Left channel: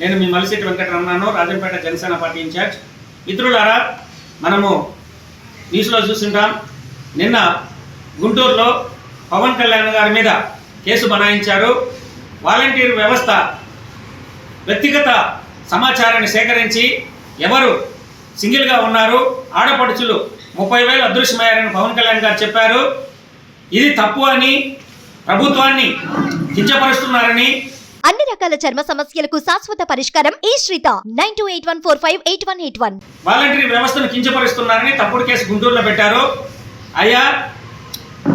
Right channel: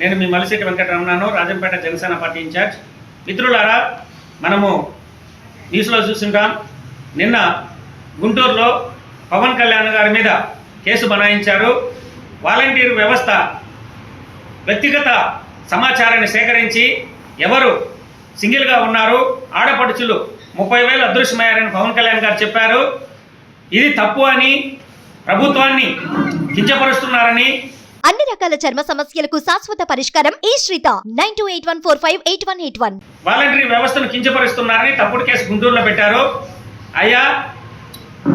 నేను మీ Malisetti వెంకటరమణను, Rajampet Janasena party incharge. మిత్రులారా, మనము న్యూస్లో చూస్తుంటాం, నిన్న గుంటూరులో పవన్ కళ్యాణ్ గారి మీద కేసు బనాయించారు. వాలంటీర్ వ్యవస్థ వ్యక్తిగత సమాచారాన్ని సేకరించి ఎవరు సింగిల్గా ఉన్నారు, ఆడపడుచులు 30,000 అదృశ్యమయ్యారని పవన్ కళ్యాణ్ గారు చెప్పారు. ఇది తప్పు అని, ప్రభుత్వాన్ని కించపరుస్తున్నారని, అన్ని రకాల చర్మ సమస్యలకు శాశ్వత పరిష్కారం ఈ శ్రీత 9281458181. వాలంటరీ వ్యవస్థను కించపరుస్తున్నారని తప్పుడు కేసు గుంటూరులో పెట్టారు. అయ్యా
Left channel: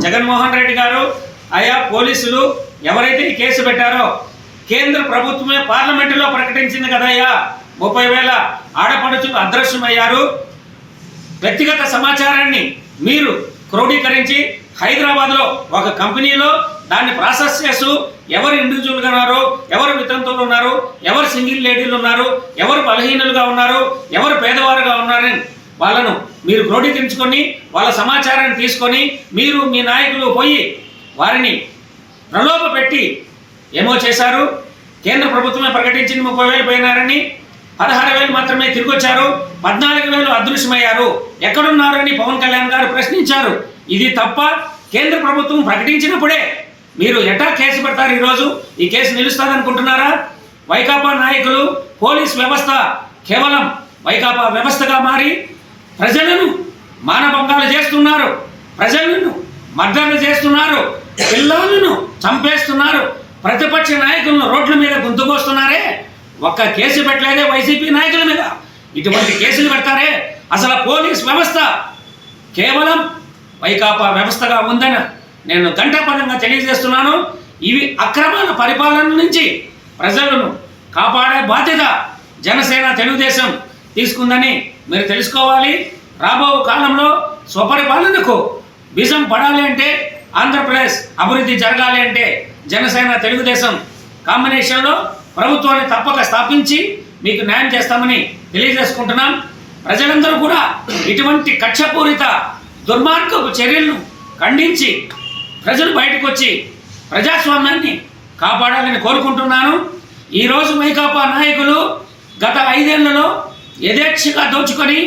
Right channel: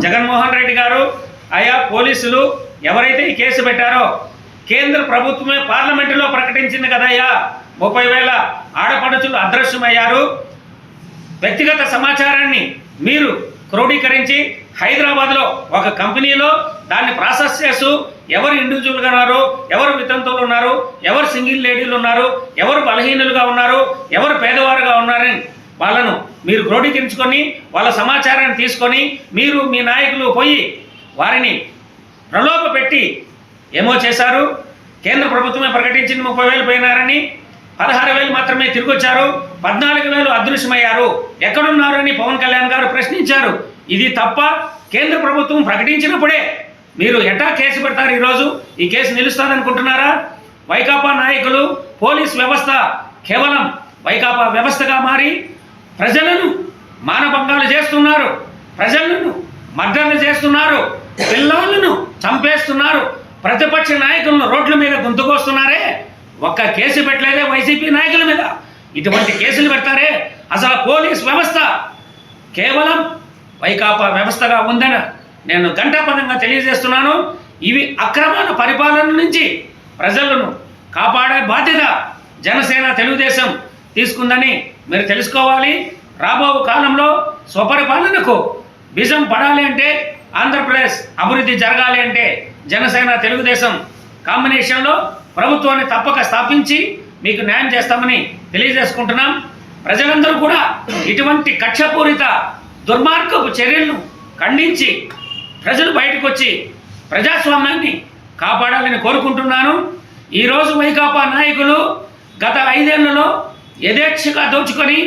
జగన్మోహన్ రెడ్డి గారు, అయ్యా పోలీసులు ఎవరైతే ఈ కేసు పెట్టారో కేంద్ర ప్రభుత్వమే పార్లమెంటులో ప్రకటించింది కదయ్యా, 30,000 ఆడపడుచులు అదృశ్యమయ్యారు. వ్యక్తిగత సమాచారాన్ని మీరు క్రోడీకరించి హైదరాబాద్లో ఒక కంపెనీలో దాన్ని ప్రాసెస్ చేస్తూ ఎవరు ఇండివిజువల్గా ఉన్నారు, ఎవరు వితంతువులు ఉన్నారు, ఎవరు సింగిల్ లేడీలు ఉన్నారు, ఎవరు బలహీనులుగా ఉన్నారు, ఎవరు పేదవారుగా ఉన్నారని వాళ్ళను మీరు క్రోడీకరించుకొని వాళ్ళ సమాచారాన్ని తీసుకొని మీరు మీ నాయకులు పోయి వారిని ప్రలోభ పెట్టి ఏమో చేశారు. కేంద్ర ప్రభుత్వమే ప్రకటించింది 30,000 పోయినారని, 16,000 మాత్రమే తిరిగి వచ్చారు, 14,000 అదృశ్యమయ్యారు. ఎక్కడున్నారని పవన్ కళ్యాణ్ గారు ప్రశ్నించారు. ఇది తప్ప కేంద్ర ప్రభుత్వం ప్రకటించినప్పుడే మీరు ఎటా కేసు పెడతారు? ఈరోజు ఈ కేసు నిలుస్తుంది అనుకుంటున్నారా? వైకాపా నాయకులు, పోలీస్ వ్యవస్థ కేవలం వైకాపా వ్యవస్థగా మారి ప్రజలను మానభంగాలు చేస్తున్నారు, ప్రజలను మర్డర్లు చేస్తున్నారు, పిల్లలను చంపేస్తున్నారు, ప్రతిపక్ష నాయకులను రోడ్ల మీద గొంతుకొస్తున్నారే. ఒక్క కేసు పెట్టలేదే వైసీపీ నాయకుల మీద, ఇటువంటి కేసులు పెడతారే? అసలు పోలీస్ వ్యవస్థ కేవలం వైకాపా వ్యవస్థగా ఉందని నేను ఘంటాపథంగా తెలియజేస్తున్నాను. ఇవి అక్రమాల పరిపాలన నుంచి ప్రజలను కాపాడే బాధ్యత జనసేన తెలుగుదేశం తీసుకుందని మీరు తెలుసుకోవాలి. రాబో కాలంలో స్వపరిపాలనకు బీజం పడాలి అంటే, ఆంధ్రప్రదేశ్ అభివృద్ధి జరగాలి అంటే జనసేన తెలుగుదేశం కాంబినేషన్లో ప్రభుత్వాన్ని తప్పక స్థాపించి మీకు న్యాయం చేస్తామని తెలియజేసుకుంటున్నాం. ప్రజలందరూ కూడా ఇటువంటి కక్షపూరిత దుర్మార్గపు చర్యలను ఖండించి ప్రజలు బయటకు వచ్చి ప్రజాస్వామ్యాన్ని కాపాడాలని కోరుకుంటున్నాను. ఈరోజు వైకాపా నాయకులు గత 5 ఏళ్లలో యథేచ్ఛగా దోచుకొని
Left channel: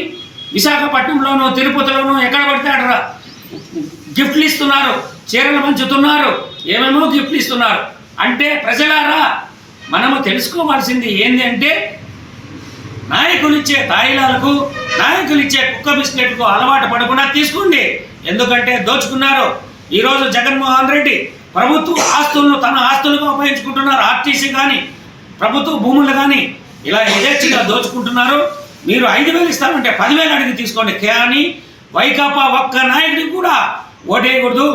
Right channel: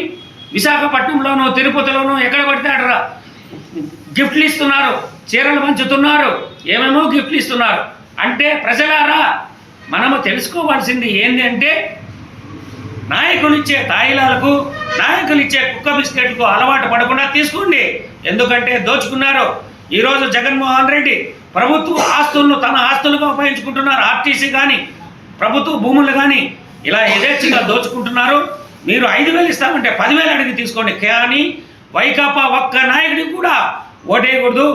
విశాఖపట్నంలోనూ, తిరుపతిలోనూ ఎక్కడ పడితే అక్కడ గిఫ్ట్లు ఇస్తున్నారు, చీరలు పంచుతున్నారు, ఏమేమో గిఫ్ట్లు ఇస్తున్నారు. అంటే ప్రజలారా, మనము తెలుసుకోవాల్సింది ఏంటి అంటే, నాయకులు ఇచ్చే తాయిలాలకు, నాయకులు ఇచ్చే కుక్క బిస్కెట్కు అలవాటు పడకుండా తీసుకోండి. ఎందుకంటే దోచుకున్నారు. ఈరోజు జగన్మోహన్ రెడ్డి ప్రభుత్వ ఆస్తులను తన ఆస్తులుగా ఉపయోగించుకుంటున్నారు. ఆర్టీసీ కానీ, ప్రభుత్వ భూములు కానీ ఇలా యథేచ్ఛగా దోచుకుంటున్నారు. మీరు 5,000 ఇస్తామంటే 10,000 అడిగి తీసుకోండి. కానీ వైకాపా ఒక్క నాయకుడికి కూడా ఓటేయకూడదు.